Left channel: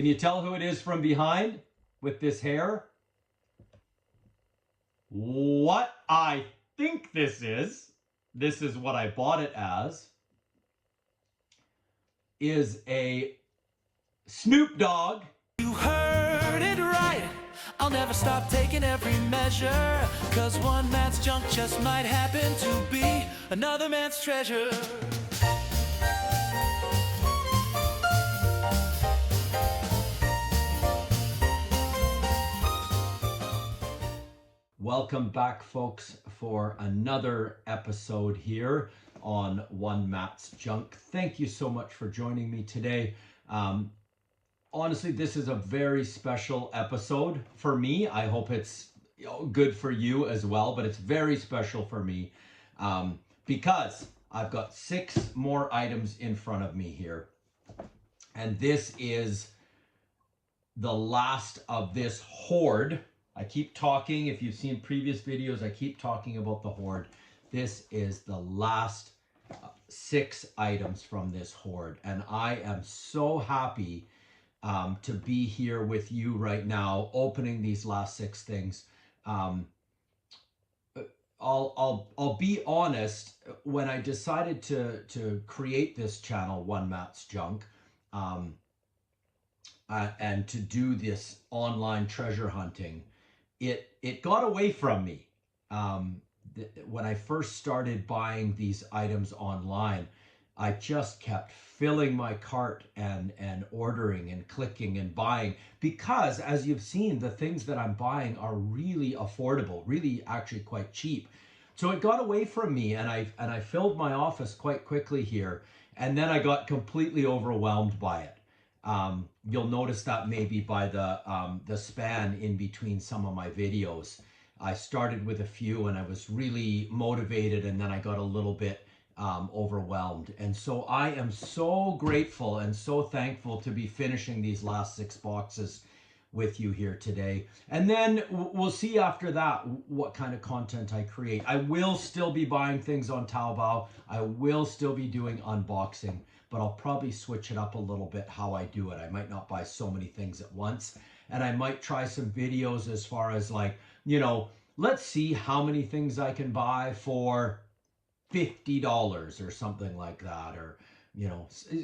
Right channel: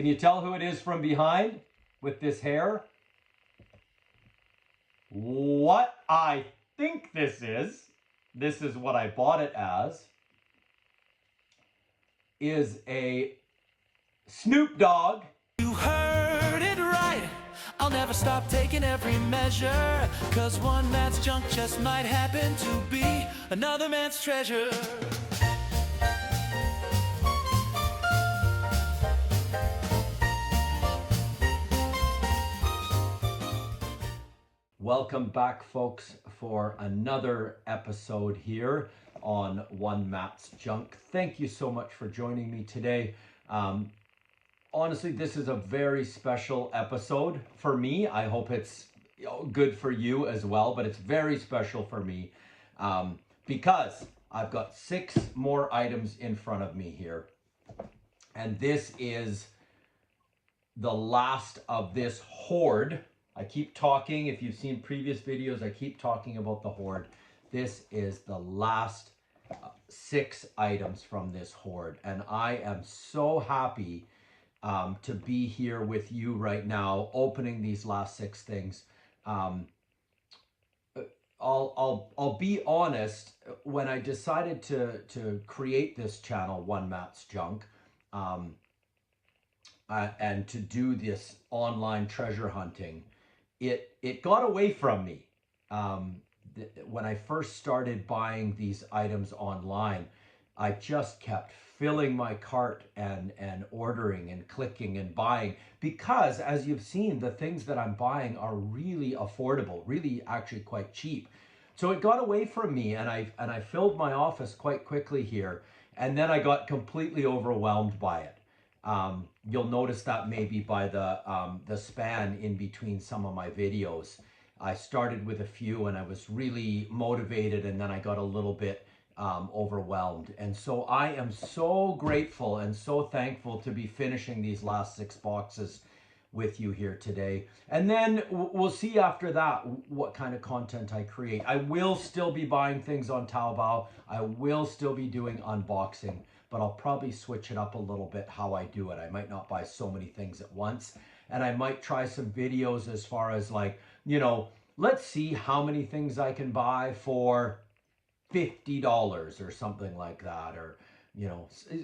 Can you tell who it is from behind with this hair? What I think this is what I bought it as, is a Snoop Dogg. You heard it right. I'll never stop taking every measure, 'cause one man's junk just might happen to be another man's treasure. Welcome back, folks, for another episode here on One Matt's Junk. Thank you so much for joining me today. Honestly, this is a very special episode for me. I hope it's good for you as well, but it's very special for me because I've got 6 more items in front of me here. And this is the last of this hoard. I keep talking, if you've seen previous videos, I keep talking about the hoard. This is the last 6 items from this hoard. And I am so happy to be here with you right now, opening these last 6 things. I'll be honest, when I decided to create this channel, One Matt's Junk, and to do this online treasure hunting, it got away from me. When I first started buying these items online, I just kept filling my cart and ordering and clicking and buying, because as you've seen, the things that I'm buying are really affordable, really actually quite cheap. So it got away from me, and I filled my office quite quickly here, and then I got completely overwhelmed by it. You'll notice that maybe by the span in between some of my videos. I started with a few and I was really motivated, and then I got a little bit overwhelmed. And so I am so grateful and so thankful to be finishing these last 6 boxes with you here today. And then we'll see after that what kind of content I create. I will still be buying things on Taobao. I will still be doing unboxing, but I'll probably switch it up a little bit how I do it. I might not buy so many things at once, and I might try some videos as far as, like, let's see how many things I can buy for $50 or something like that, or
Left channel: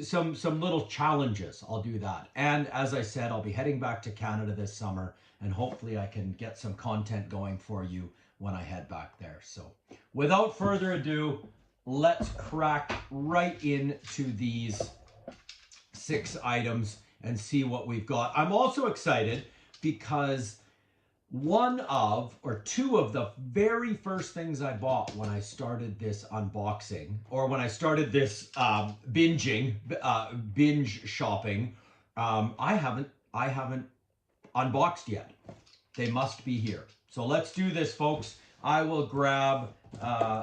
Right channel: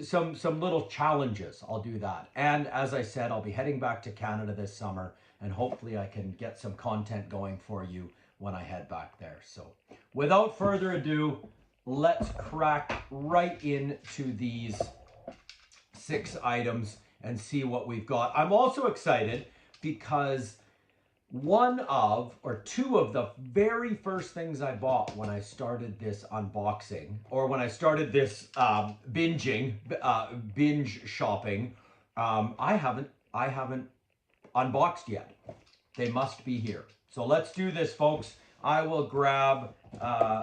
some little challenges. I'll do that. And as I said, I'll be heading back to Canada this summer, and hopefully I can get some content going for you when I head back there. So without further ado, let's crack right into these 6 items and see what we've got. I'm also excited because 2 of the very first things I bought when I started this unboxing, or when I started this binge shopping, I haven't unboxed yet. They must be here. So let's do this, folks. I will grab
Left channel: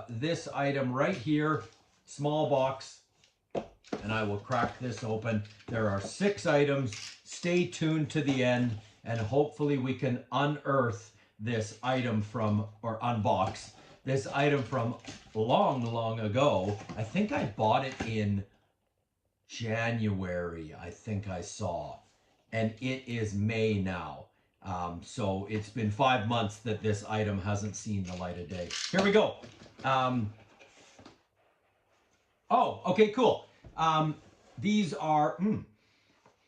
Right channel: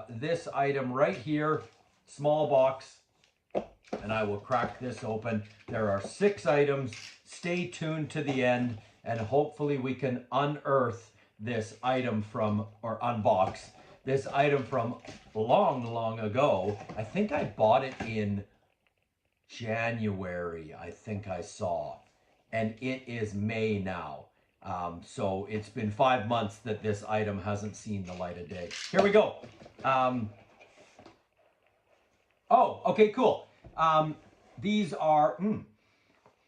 this item right here, small box, and I will crack this open. There are 6 items. Stay tuned to the end, and hopefully we can unearth this item unbox this item from long ago. I think I bought it in January, I think I saw, and it is May now. So it's been 5 months that this item hasn't seen the light of day. Here we go. Oh, okay, cool. These are,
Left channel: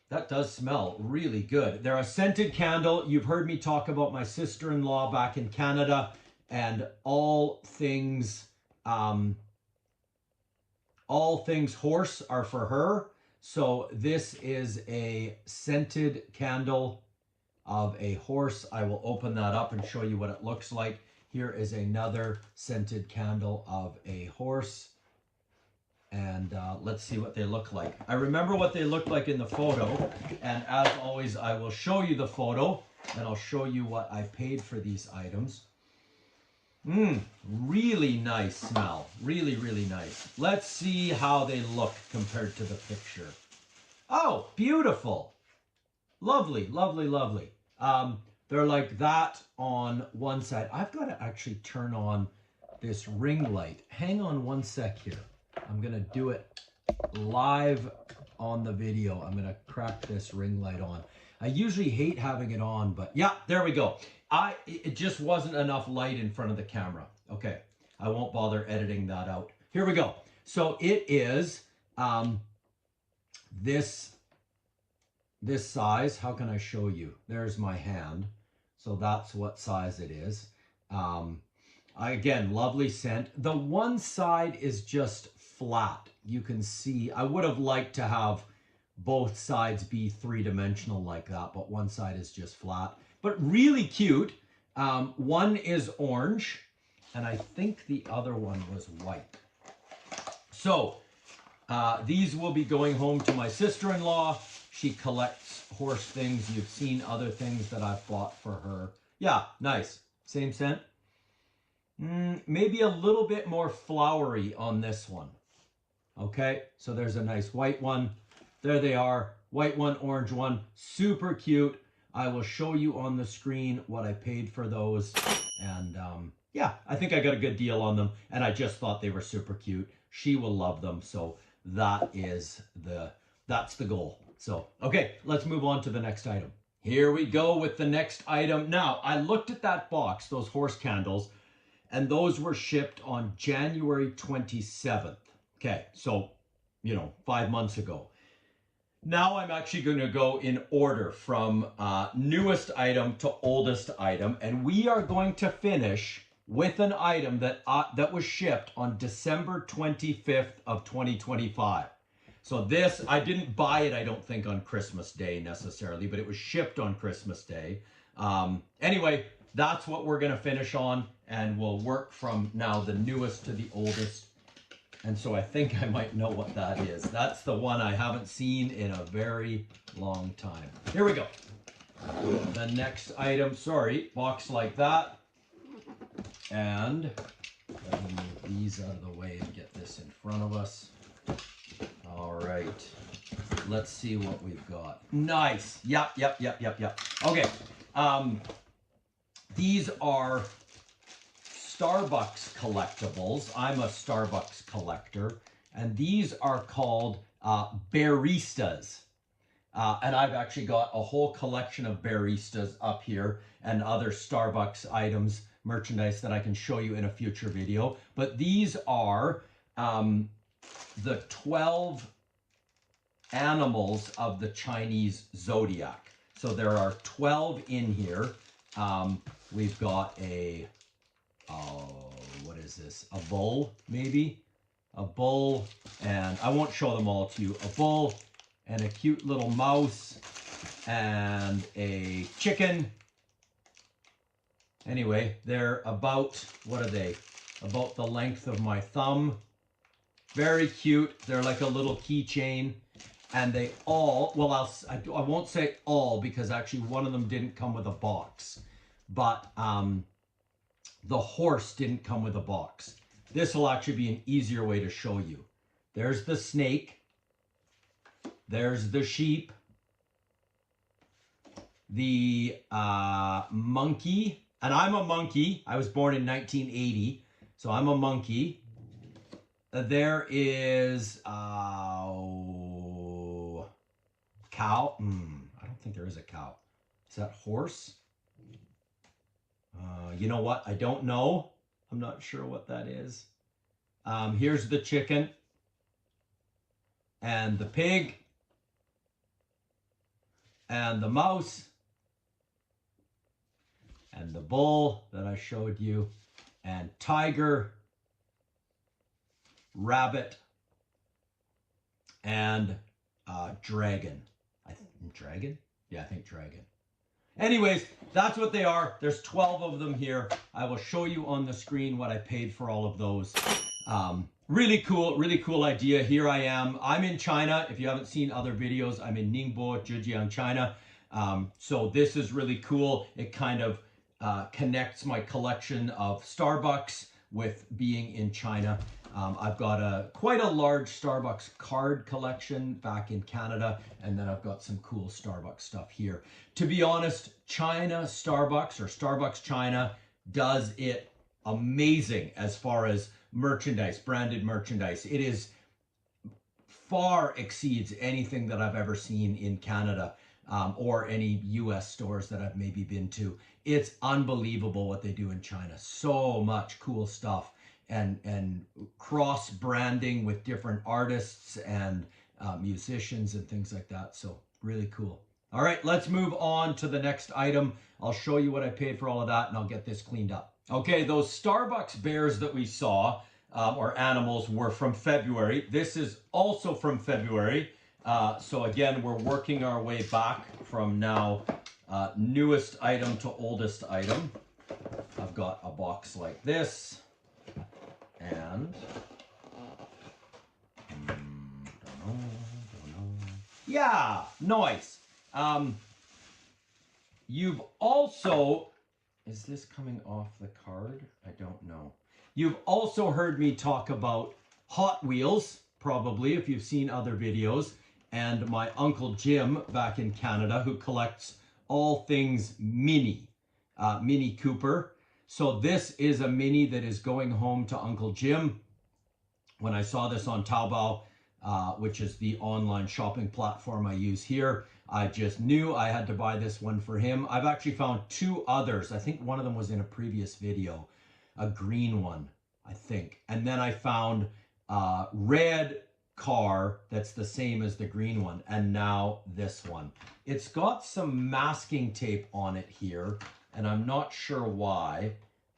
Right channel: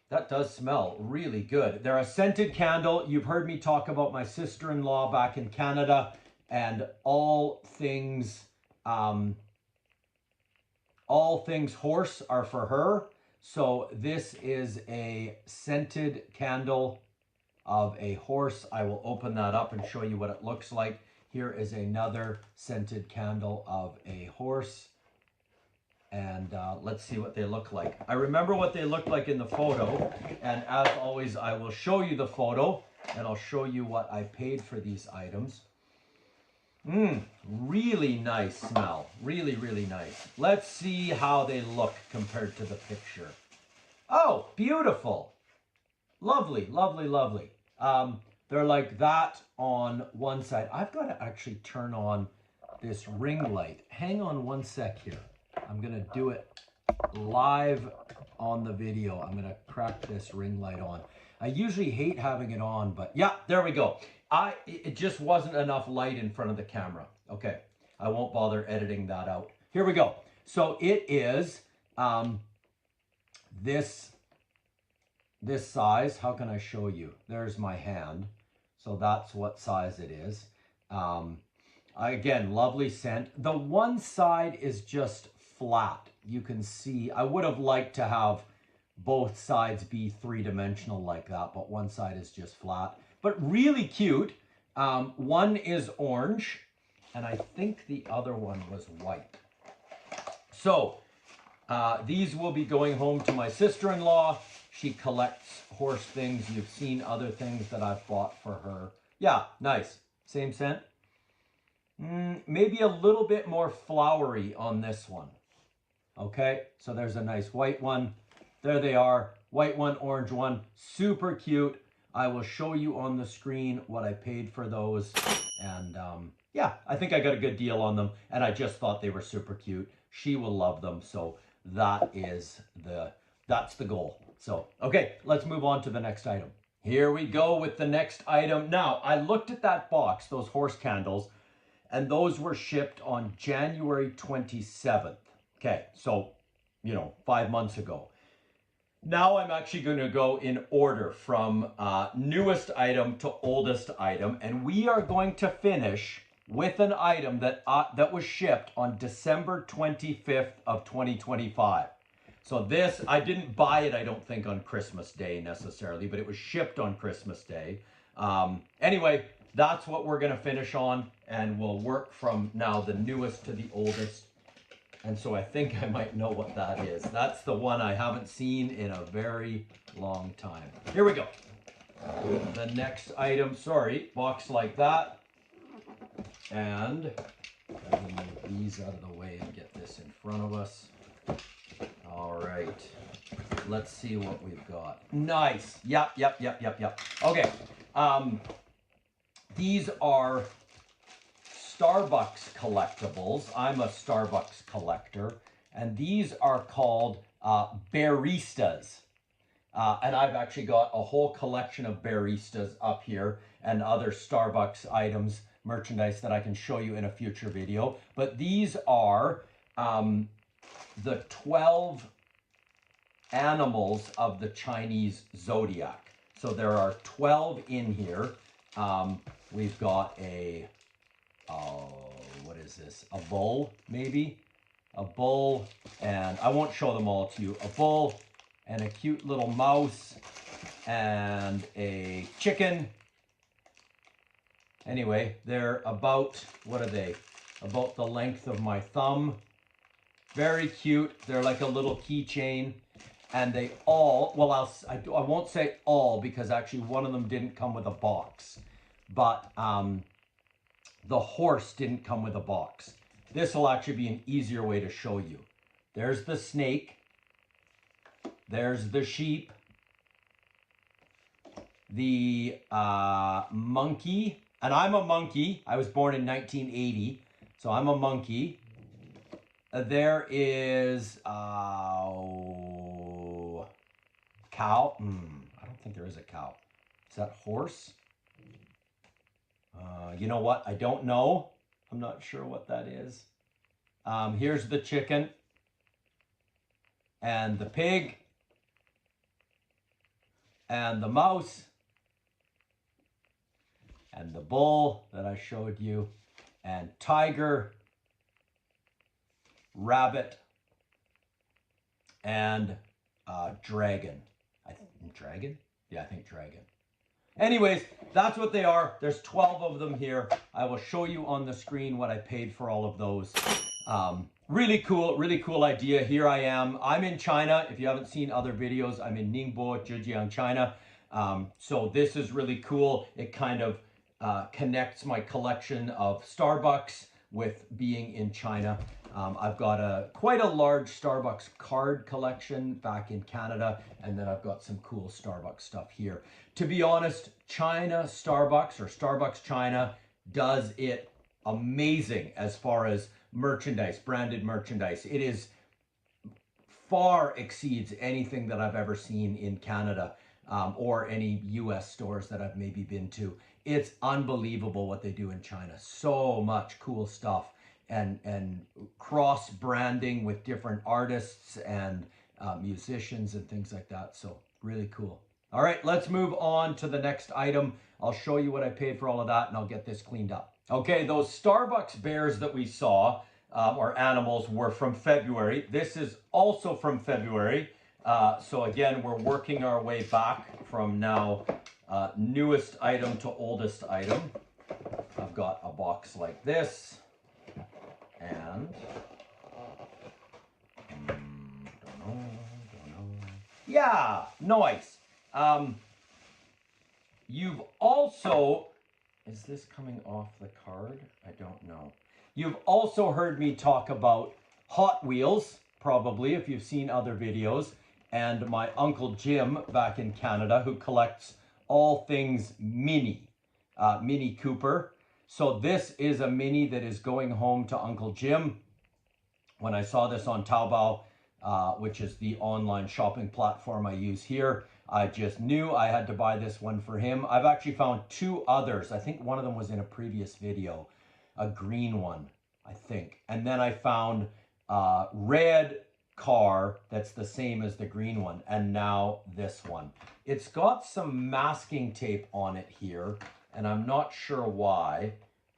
that does smell really good. They're a scented candle. You've heard me talk about my sister-in-law back in Canada, and all things horse are for her. So this is a scented candle of a horse. I will open that up and show you what it looks like. Here is another scented candle of a horse. And let's see what they look like. I remember what they looked like in the photo, and as always, I will show you the photo, and I'll show you what I paid for these items. Really nice smell. Really, really nice. Let's see how they look compared to the picture. Oh, beautiful. Lovely, lovely, lovely. They're like that on one side. I've got to actually turn on this ring light. Hang on one sec here. I'm going to do it live on the video. I'm going to crack this ring light on. I usually hate having it on, but yeah, there we go. It just wasn't enough light in front of the camera. Okay, I won't bother editing that out. Here we go. So it is this size. How can I show you? There's my hand. So that's what size it is. Again, lovely scent. The one side is just flat. You can see, I would have liked to have both sides be three-dimensional like that, but one side is just flat. But really cute. One is orange, and I think the other one was white. So these will be going home to my sister-in-law. She collects horse things. You've seen other things that I've bought for her. Yeah, nice. Same scent. Maybe a little bit more flowery on this one. Okay, so there's a nice white one. There they are. White one, orange one. Super cute. I will show you on the screen what I paid for those. And yeah, I think I got a good deal on them. And I just thought they were super cute. She will love them. So that's the goal. So, okay, let's move on to the next item. Here we go with the next item. Now, I looked at that box, those horse candles, and those were shipped on January 27th. Okay, so, 5 months ago. Now I'm actually going to go in order from newest item to oldest item, and we are going to finish with an item that was shipped on December 25th of 2025. So this, I didn't buy it, I don't think, on Christmas Day necessarily, but it was shipped on Christmas Day. Anyway, that's what we're going to finish on, and we'll work from now the newest to the oldest. And so I think I might know what that is. That's the one I haven't seen in a very long time. Here we go. The next item, sorry, box like that. And I'm going to move these out of the way and get this in front of us. All right. Let's see what we've got. Nice. Yep. Okay. These are Starbucks collectibles. I'm a Starbucks collector, and these are called Bearistas. And I've actually got a whole collection of Bearistas up here and other Starbucks items, merchandise that I can show you in a future video. But these are the 12 animals of the Chinese Zodiac. So there are 12 in here. We've got what is this? A bull, maybe? A bull, and I won't show them all to you. A bull, and a cute little mouse, and a chicken. Anyway, they're about, what are they? About the length of my thumb. Very cute. They're like a little keychain. And they all, well, I won't say all, because actually one of them didn't come with a box. But the horse didn't come with a box. This will actually be an easier way to show you. There's the snake. There's the sheep. The monkey. And I'm a monkey. I was born in 1980. So I'm a monkey. There is cow. I don't think there is a cow. Is that horse? You know what? I don't know. I'm not sure what that is. Here's the chicken. And the pig. And the mouse. And the bull that I showed you. And tiger. Rabbit. And dragon. Dragon? Yeah, I think dragon. Anyways, that's what they are. There's 12 of them here. I will show you on the screen what I paid for all of those. Really cool idea. Here I am. I'm in China. If you haven't seen other videos, I'm in Ningbo, Zhejiang, China. So this is really cool. It kind of connects my collection of Starbucks with being in China. I've got quite a large Starbucks card collection back in Canada, and then I've got some cool Starbucks stuff here. To be honest, China Starbucks, or Starbucks China, does it amazing as far as merchandise, branded merchandise. It is far exceeds anything that I've ever seen in Canada. or any US stores that I've maybe been to. It's unbelievable what they do in China. So much cool stuff, and cross branding with different artists and musicians and things like that. So really cool. All right, let's move on to the next item. I'll show you what I paid for all of that, and I'll get this cleaned up. Okay, those Starbucks bears that we saw, or animals, were from February. This is also from February. So again, we're working our way back from now newest item to oldest item. I've got a box like this, and don't know. Yeah, nice. You've also, is this coming off the card? I don't know. You've also heard me talk about Hot Wheels, probably, if you've seen other videos, and my Uncle Jim back in Canada, who collects all things Mini, Mini Cooper. So this is a Mini that is going home to Uncle Jim. When I saw this on Taobao, which is the online shopping platform I use here, I just knew I had to buy this one for him. I've actually found two others. I think one of them was in a previous video, a green one, I think. And then I found a red car that's the same as the green one, and now this one. It's got some masking tape on it here, and I'm not sure why,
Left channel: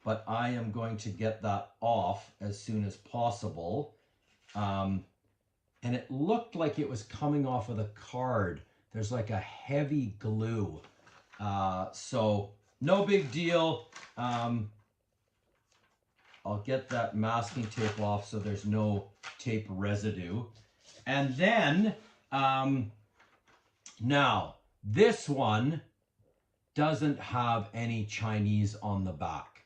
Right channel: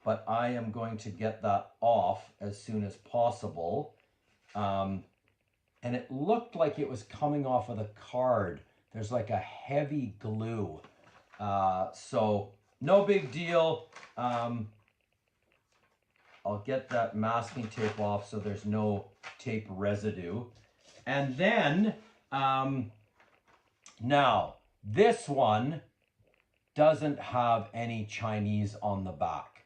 but I am going to get that off as soon as possible. And it looked like it was coming off of the card. There's like a heavy glue. So no big deal. I'll get that masking tape off so there's no tape residue. And then, now, this one doesn't have any Chinese on the back.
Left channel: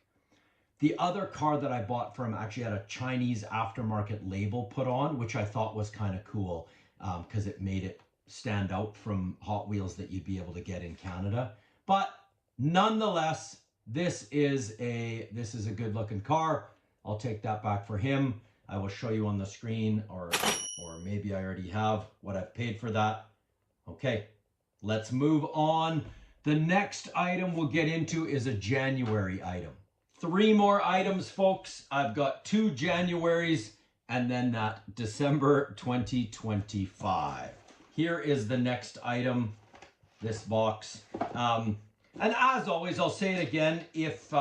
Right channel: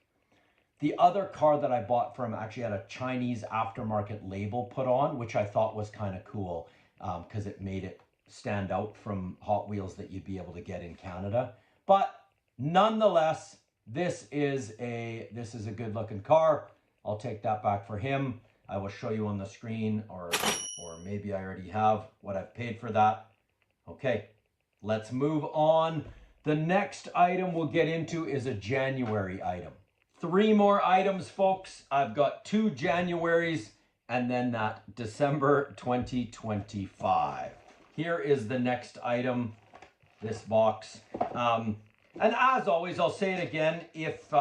The other car that I bought from actually had a Chinese aftermarket label put on, which I thought was kind of cool because it made it stand out from Hot Wheels that you'd be able to get in Canada. But nonetheless, this is a good looking car. I'll take that back for him. I will show you on the screen, or maybe I already have what I've paid for that. Okay, let's move on. The next item we'll get into is a January item. 3 more items, folks. I've got 2 Januaries and then that December 2025. Here is the next item, this box. And as always, I'll say it again, if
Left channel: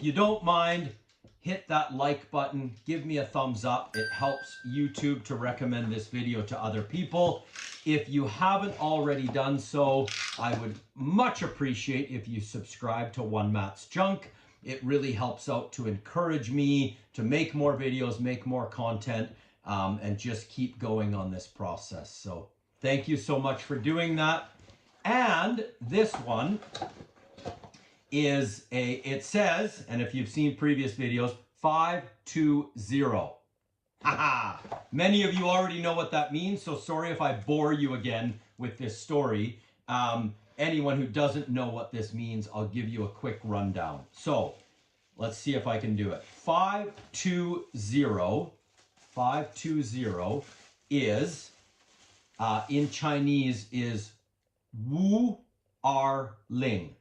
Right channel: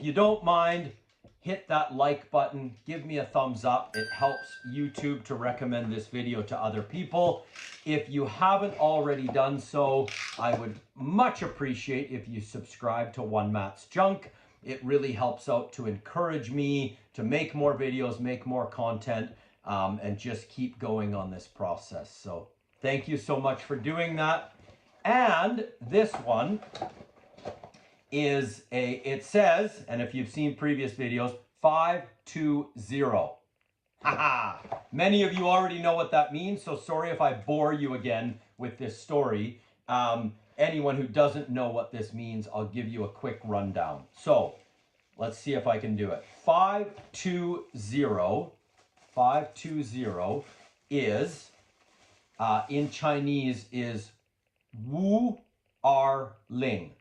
you don't mind, hit that like button, give me a thumbs up. It helps YouTube to recommend this video to other people. If you haven't already done so, I would much appreciate if you subscribe to One Matt's Junk. It really helps out to encourage me to make more videos, make more content, and just keep going on this process. So thank you so much for doing that. And this one is it says, and if you've seen previous videos, 520. Haha. Many of you already know what that means, so sorry if I bore you again with this story. Anyone who doesn't know what this means, I'll give you a quick rundown. So let's see if I can do it. 520 is, in Chinese, is Wu Er Ling.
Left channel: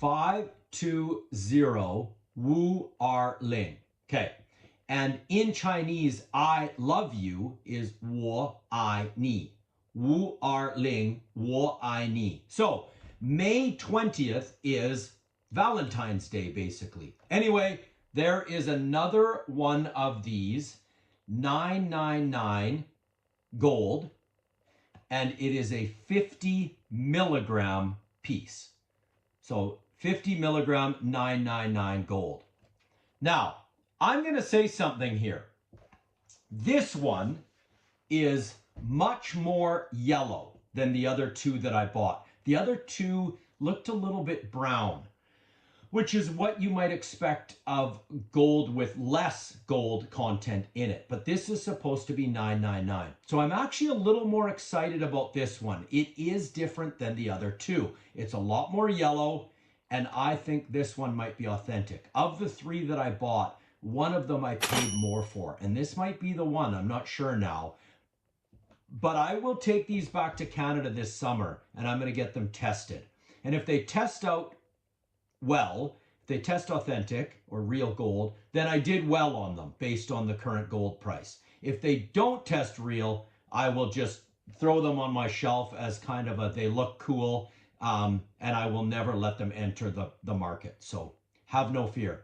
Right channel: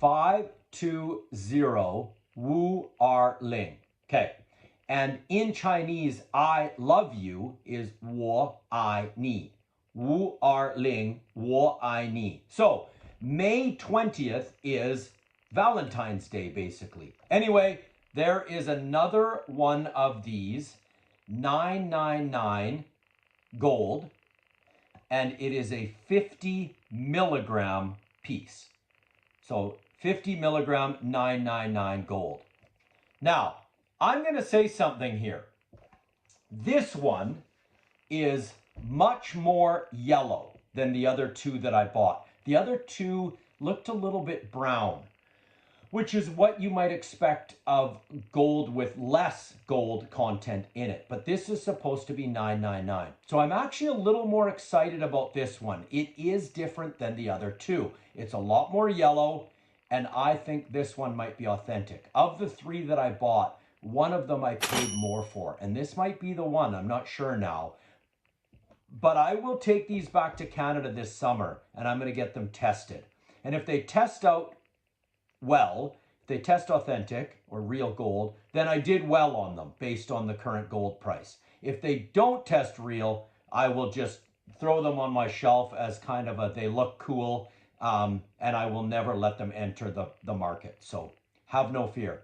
520 Wu Er Ling. Okay. And in Chinese, I love you is 我爱你. Wu Er Ling, 我爱你. So May 20th is Valentine's Day, basically. Anyway, there is another one of these, 999 gold, and it is a 50 milligram piece. So 50 milligram, 999 gold. Now, I'm going to say something here. This one is much more yellow than the other 2 that I bought. The other 2 looked a little bit brown, which is what you might expect of gold with less gold content in it. But this is supposed to be 999. So I'm actually a little more excited about this one. It is different than the other 2. It's a lot more yellow, and I think this one might be authentic. Of the 3 that I bought, one of them I paid more for, and this might be the one. I'm not sure now. But I will take these back to Canada this summer and I'm going to get them tested. And if they test out well, if they test authentic or real gold, then I did well on them based on the current gold price. If they don't test real, I will just throw them on my shelf as kind of a, they look cool, and I will never let them enter the market. So have no fear.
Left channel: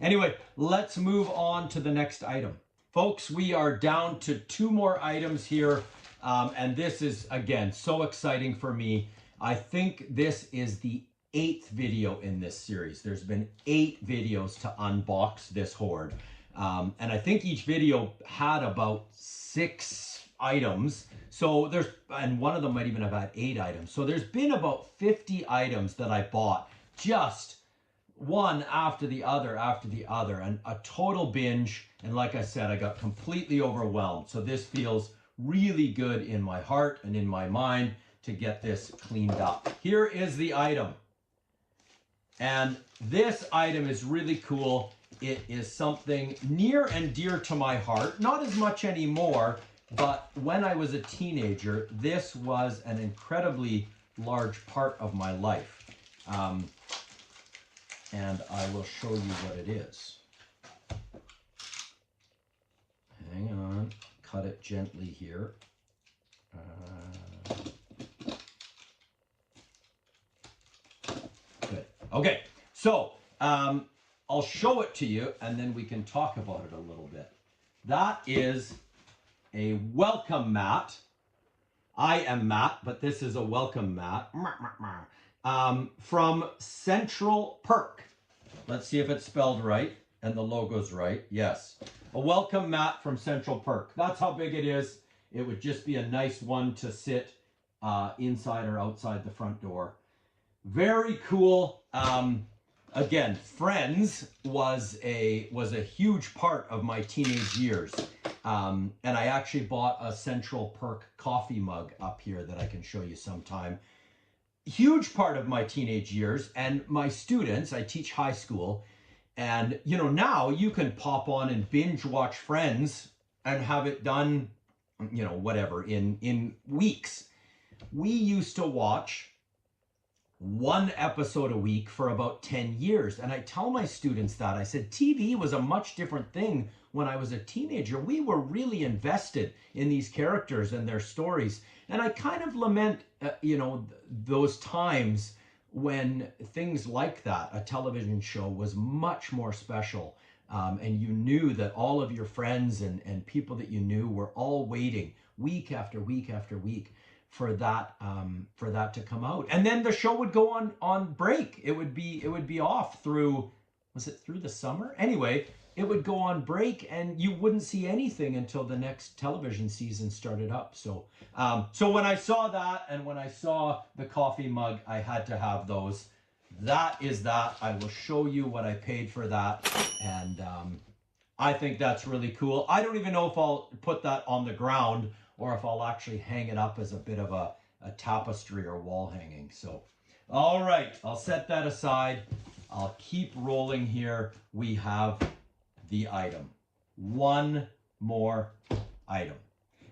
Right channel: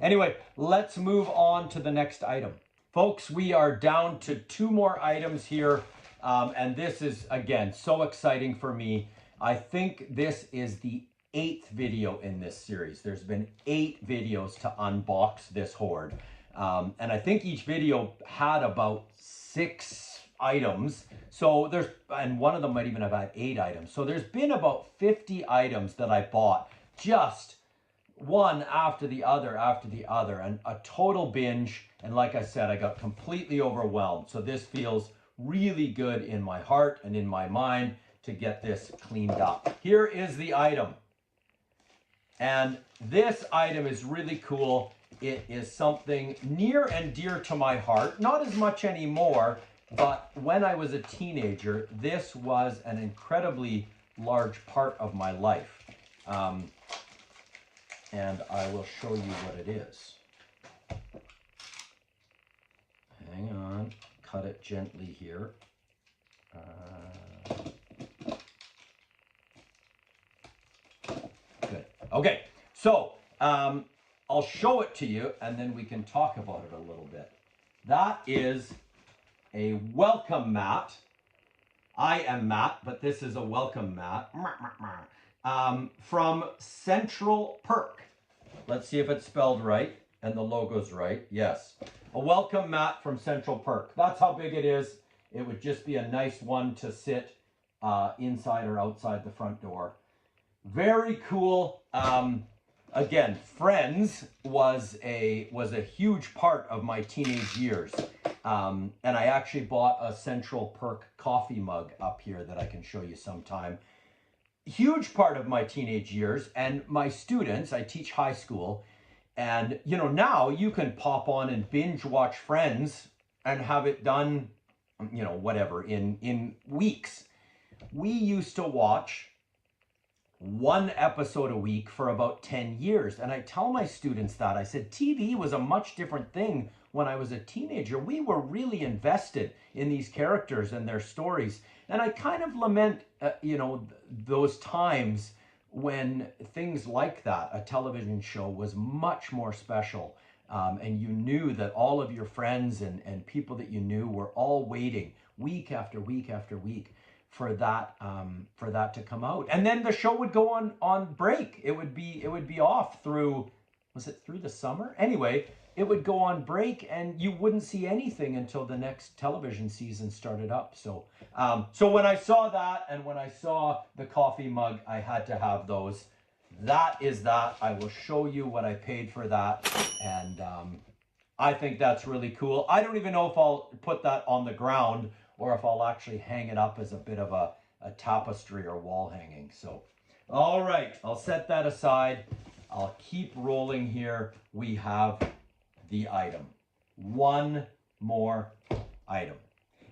Anyway, let's move on to the next item. Folks, we are down to 2 more items here. And this is, again, so exciting for me. I think this is the 8th video in this series. There's been 8 videos to unbox this hoard. And I think each video had about 6 items. So there's, and one of them might even have had 8 items. So there's been about 50 items that I bought, just one after the other, and a total binge. And like I said, I got completely overwhelmed. So this feels really good in my heart and in my mind to get this cleaned up. Here is the item. And this item is really cool. It is something near and dear to my heart. Not as much anymore, but when I was a teenager, this was an incredibly large part of my life. And I will show you what it is. Hang on. Cut it gently here. Good. Okay, so I'll show it to you and then we can talk about it a little bit. That is a welcome mat. I am Matt, but this is a welcome mat. From Central Perk. Let's see if it's spelled right and the logo's right. Yes. A welcome mat from Central Perk. That's how big it is. It would just be a nice one to sit inside or outside the front door. Very cool. Again, Friends was a huge part of my teenage years. And I actually bought a Central Perk coffee mug up here that I can show you sometime. Huge part of my teenage years, and my students, I teach high school, and you know, now you can pop on and binge watch Friends and have it done, you know, whatever, in weeks. We used to watch 1 episode a week for about 10 years. And I tell my students that, I said, TV was a much different thing when I was a teenager. We were really invested in these characters and their stories. And I kind of lament, you know, those times when things like that, a television show, was much more special. And you knew that all of your friends and people that you knew were all waiting week after week after week for that to come out. And then the show would go on break. It would be off through, was it through the summer? Anyway, it would go on break and you wouldn't see anything until the next television season started up. So so when I saw that and when I saw the coffee mug, I had to have those. That is that. I will show you what I paid for that. And I think that's really cool. I don't even know if I'll put that on the ground or if I'll actually hang it up as a bit of a tapestry or wall hanging. So, all right, I'll set that aside. I'll keep rolling here. We have the item. 1 more item.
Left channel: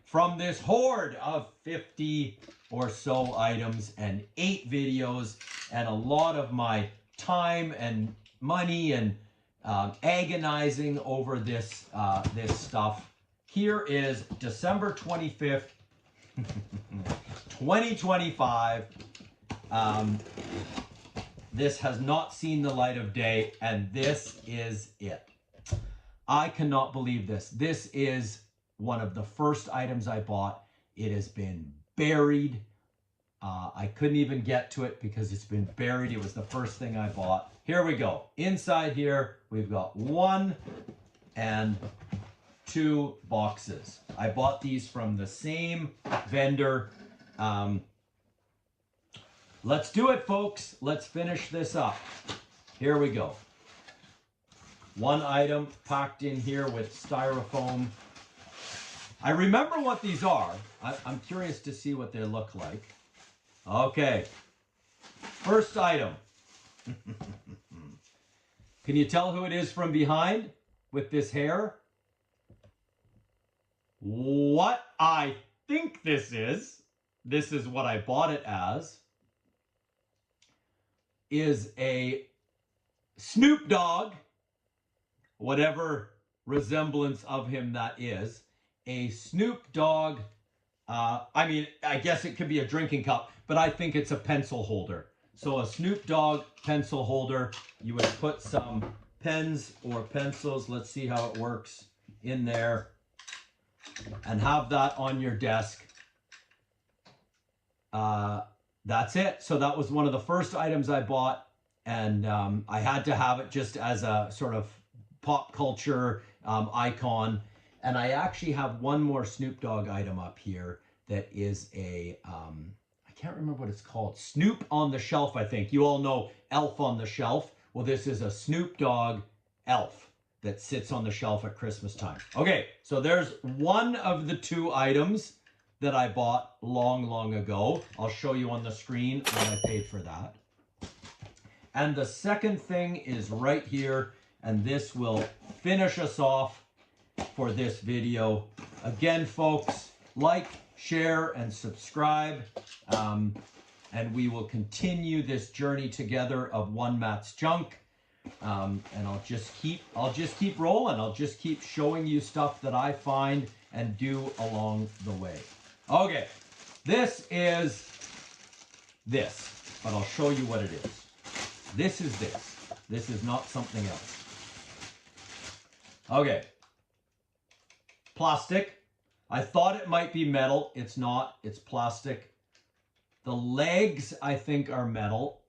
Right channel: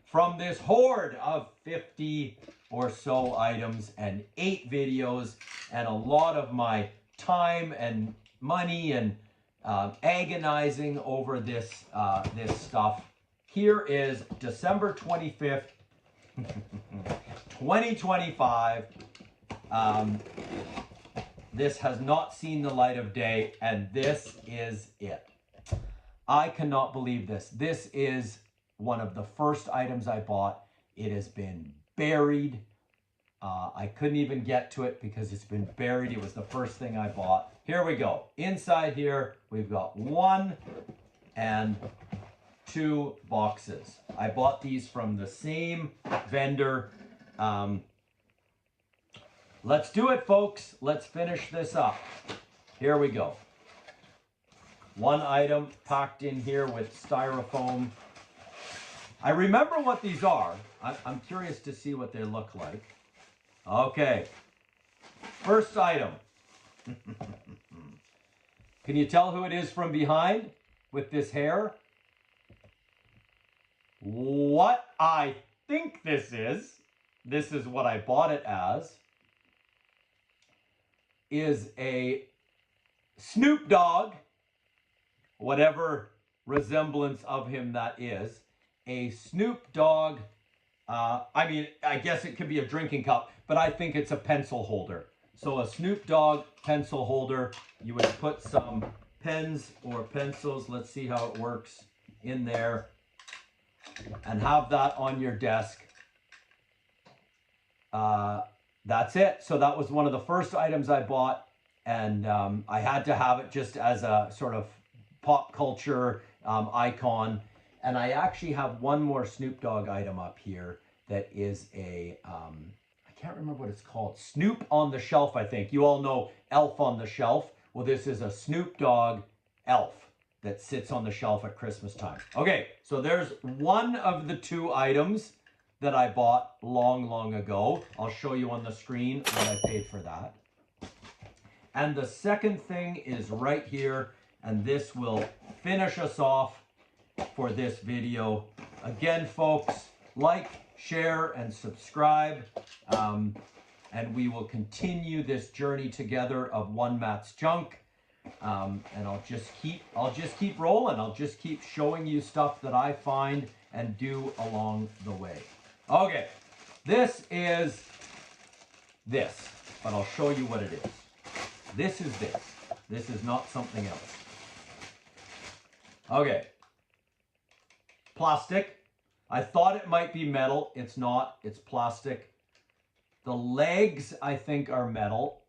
From this hoard of 50 or so items and 8 videos and a lot of my time and money and agonizing over this stuff. Here is December 25th, 2025. This has not seen the light of day, and this is it. I cannot believe this. This is one of the first items I bought. It has been buried. I couldn't even get to it because it's been buried. It was the first thing I bought. Here we go. Inside here, we've got 1 and 2 boxes. I bought these from the same vendor. Let's do it, folks. Let's finish this up. Here we go. 1 item packed in here with styrofoam. I remember what these are. I'm curious to see what they look like. Okay. First item. Can you tell who it is from behind with this hair? What? I think this is what I bought it as, is a Snoop Dogg, whatever resemblance of him that is, a Snoop Dogg, I mean, I guess it could be a drinking cup, but I think it's a pencil holder. So a Snoop Dogg pencil holder, you would put some pens or pencils, let's see how it works, in there, and have that on your desk. That's it. So that was one of the first items I bought, and I had to have it just as a sort of pop culture icon. And I actually have one more Snoop Dogg item up here that is a, I can't remember what it's called. Snoop on the Shelf, I think. You all know Elf on the Shelf. Well, this is a Snoop Dogg elf that sits on the shelf at Christmas time. Okay, so there's one of the two items that I bought long ago. I'll show you on the screen what I paid for that. And the second thing is right here, and this will finish us off for this video. Again, folks, like, share, and subscribe, and we will continue this journey together of One Matt's Junk. And I'll just keep rolling. I'll just keep showing you stuff that I find and do along the way. Okay, this is this, but I'll show you what it is. This is this. This is not something else. Okay. Plastic. I thought it might be metal. It's not. It's plastic. The legs, I think, are metal.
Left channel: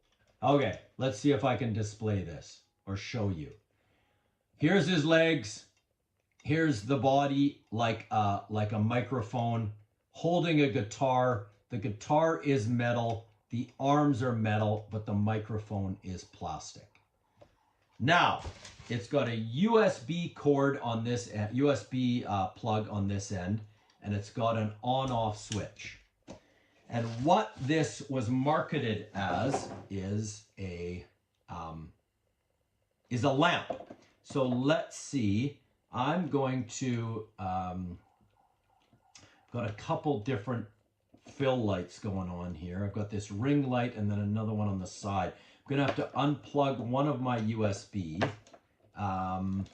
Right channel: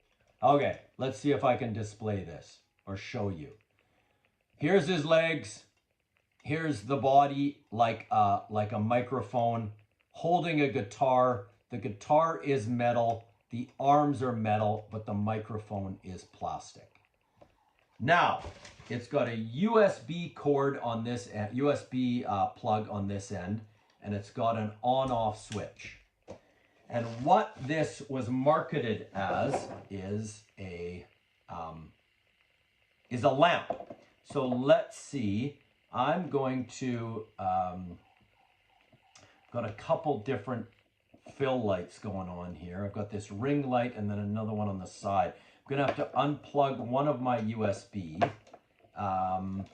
Okay, let's see if I can display this or show you. Here's his legs. Here's the body, like a microphone holding a guitar. The guitar is metal. The arms are metal, but the microphone is plastic. Now, it's got a USB cord on this end, USB plug on this end, and it's got an on-off switch. And what this was marketed as is a lamp. So let's see. I'm going to got a couple different fill lights going on here. I've got this ring light and then another one on the side. I'm gonna have to unplug one of my USB. I'm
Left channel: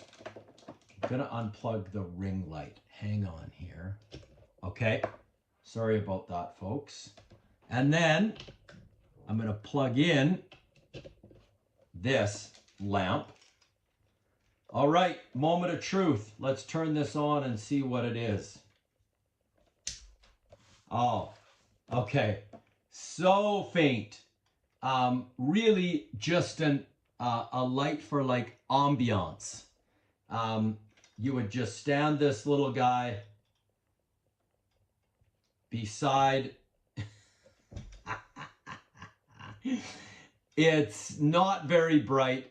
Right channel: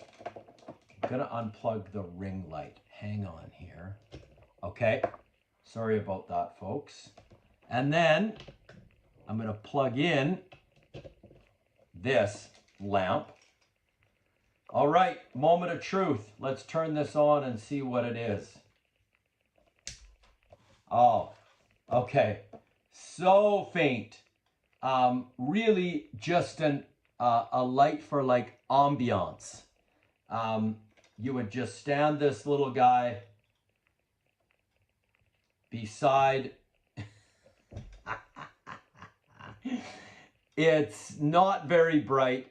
gonna unplug the ring light. Hang on here. Okay, sorry about that, folks. And then I'm gonna plug in this lamp. All right, moment of truth. Let's turn this on and see what it is. Oh, okay, so faint. Really just a light for like ambiance. You would just stand this little guy beside. It's not very bright.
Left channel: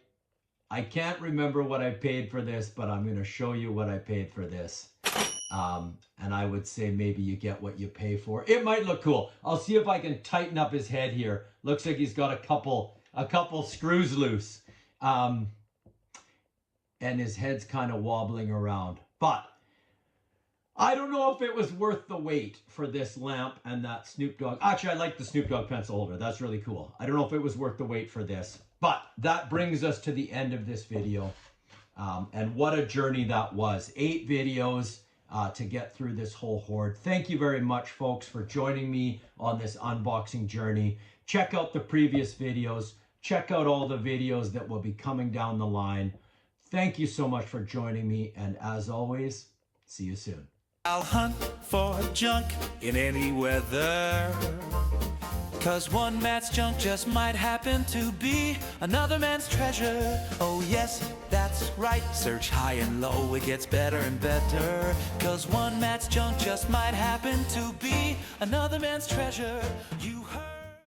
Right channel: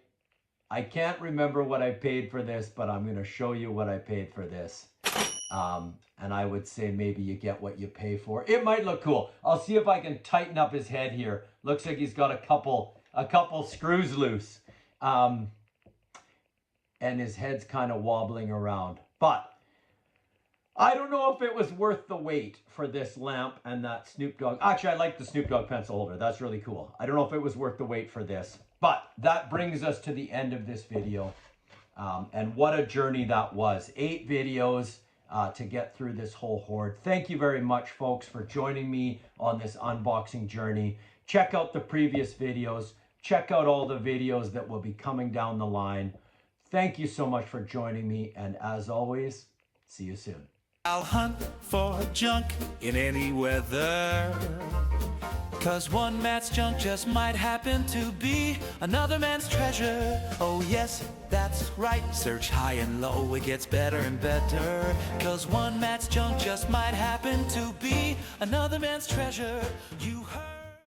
I can't remember what I paid for this, but I'm going to show you what I paid for this. And I would say maybe you get what you pay for. It might look cool. I'll see if I can tighten up his head here. Looks like he's got a couple screws loose. And his head's kind of wobbling around. But I don't know if it was worth the wait for this lamp and that Snoop Dogg. Actually, I like the Snoop Dogg pencil holder. That's really cool. I don't know if it was worth the wait for this. But that brings us to the end of this video. And what a journey that was. 8 videos to get through this whole hoard. Thank you very much, folks, for joining me on this unboxing journey. Check out the previous videos. Check out all the videos that will be coming down the line. Thank you so much for joining me. And as always, see you soon. I'll hunt for junk in any weather, 'cause one man's junk just might happen to be another man's treasure. Oh yes, that's right. Search high and low, it gets better and better, 'cause one man's junk just might happen to be another man's treasure. You heard